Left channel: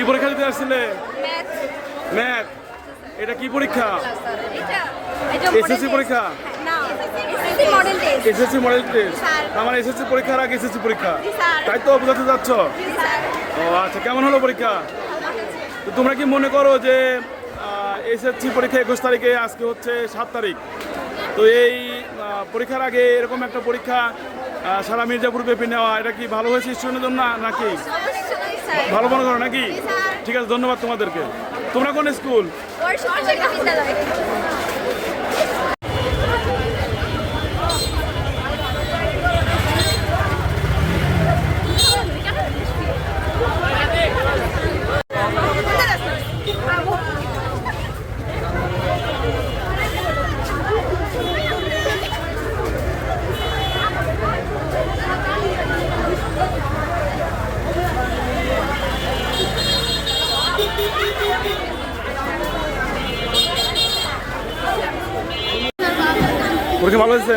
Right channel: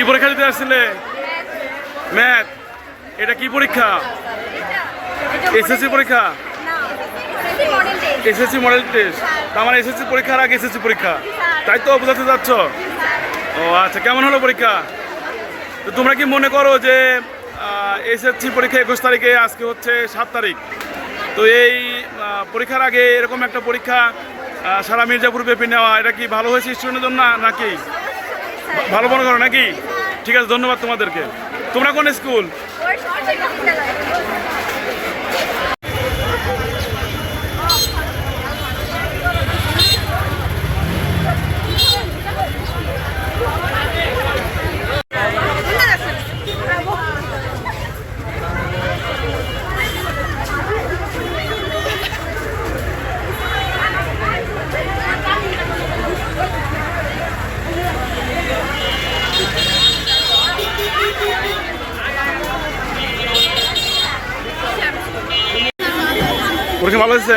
কি পরীক্ষা দিতে আসছিলে? ম্যাথ। এটা কি পরীক্ষা? এসএসসি পরীক্ষা? SSC model test. আমার এসএসসি পরীক্ষার আগে এসএসসি পরীক্ষা, তাই তো বোঝাতে যাচ্ছ? ও আচ্ছা, কেমন হলো পরীক্ষা? তো তোমরা কি মনে করো যে এসএসসি পরীক্ষা 21 তারিখে, আজকে হচ্ছে 7 তারিখ, তো এই পরীক্ষার আগে এরকম একটা পরীক্ষা সারা মির্জাপুর ব্যাপী নেওয়া, এটা কি ভালো হয়েছে স্টুডেন্টের জন্য নাকি? ভালো মনে করো নাকি? ঠিক আছে, ধন্যবাদ তোমাদেরকে। তোমরা কোন স্কুল? পরীক্ষা ভালো হয়েছে?